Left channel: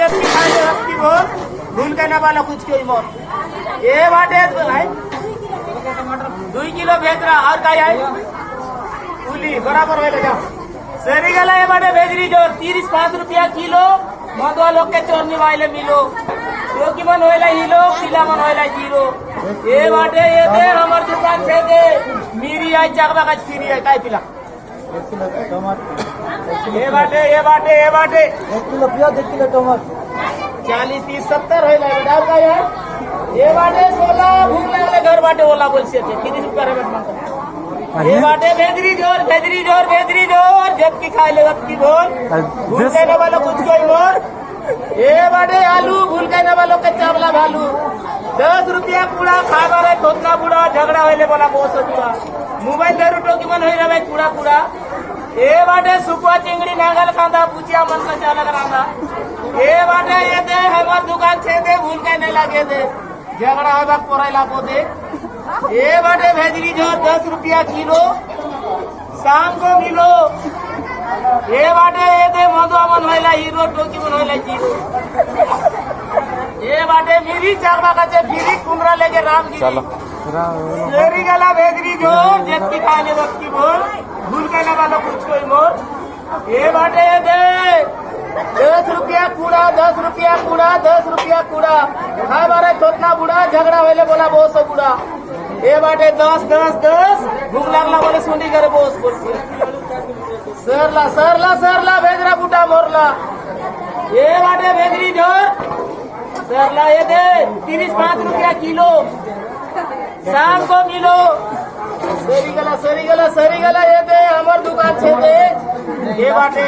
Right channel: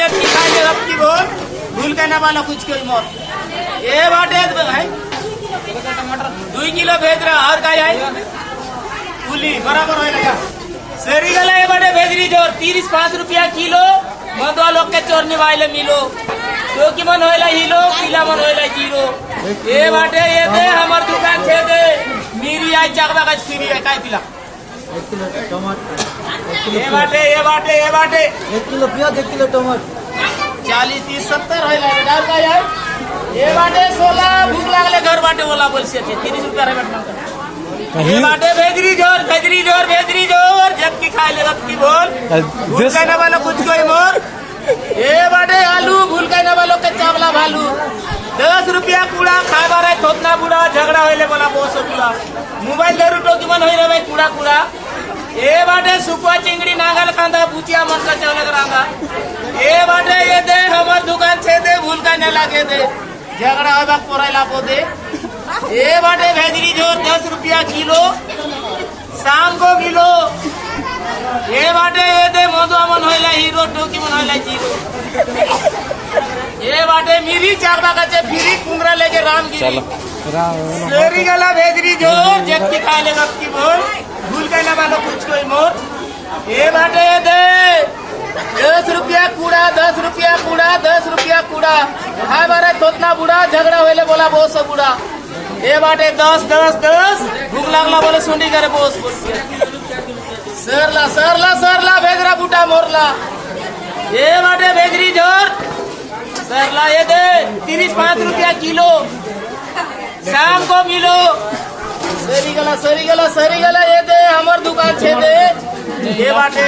जब खाने वक्त की बोल भूल के ना वाला कुछ कोई मोर ये बाटे है 2 किलो भेज रहा और का है पुली बराबर हो लगा सरी गला ये बाटे भेजरी जोर 35 रुपया किलो मधुआ लोग के चोर निभाइले मिलो जो कि मन होइला हिलो किला मन होइला जीरो ये बाटे ये दे हमर दुकान छे दे मेरी आई चाकवा का फ्री है काय पिला 1 किलो टमाटर ये बाटे 1 किलो प्याज 1 किलो टमाटर 40 30 70 होइला बेटा और का यार ये बाटे 16 भूख लागले घर बाटे ओला बोल से 30 रुपया रे बेटा ये बाटे भेजरी जोर जब की खाए ले वक्त की बोल भूल कहने वाला कुछ कोई मोर ये बाटे आलू भूल कहने वालों के चावला भालू 10 रुपया कूड़ा खावा रहे थोतना बुढ़ा झगड़ा होइले बोला बहुत बुढ़ा मोबाइल दे रूटो की मन होई रहे कूड़ा ये बाटे सुकुआ चिंगड़ी नागल कांदा बुचिया मन का चावला करांगा ये बाटे ये दे हमार दुकान छे दे भूल कहने लगे दे झगड़ा होबा पोराइला पोदे ये बाटे भेजरी जो 10 रुपया किलो शाम को किलो ये बाटे ये दे मोदो मन होइला हीरो टोकी मन होइला जीरो ये बाटे मिली चारबा का चे फिरी कुमरा लेके रामगिरी चलो सरी गला भेजरी जो जब की खाने वक्त की बोल भूल के ना वालों कुछ कोई मोर ये बाटे ये दे 10 रुपया कूड़ा 10 रुपया कूड़ा हाय बारे तोतना बुढ़ा झगड़ा होइले बोला बहुत सब बुढ़ा ये बाटे 10 भूख लागला बोले सुंडी करे बोस सरला भेजरा बूटा मोरला ये बाटे भेजरी जोर सरला ये दे 35 रुपया किलो शाम को मिलो सरी गला ये दे हमार दुकान छे दे ये बाटे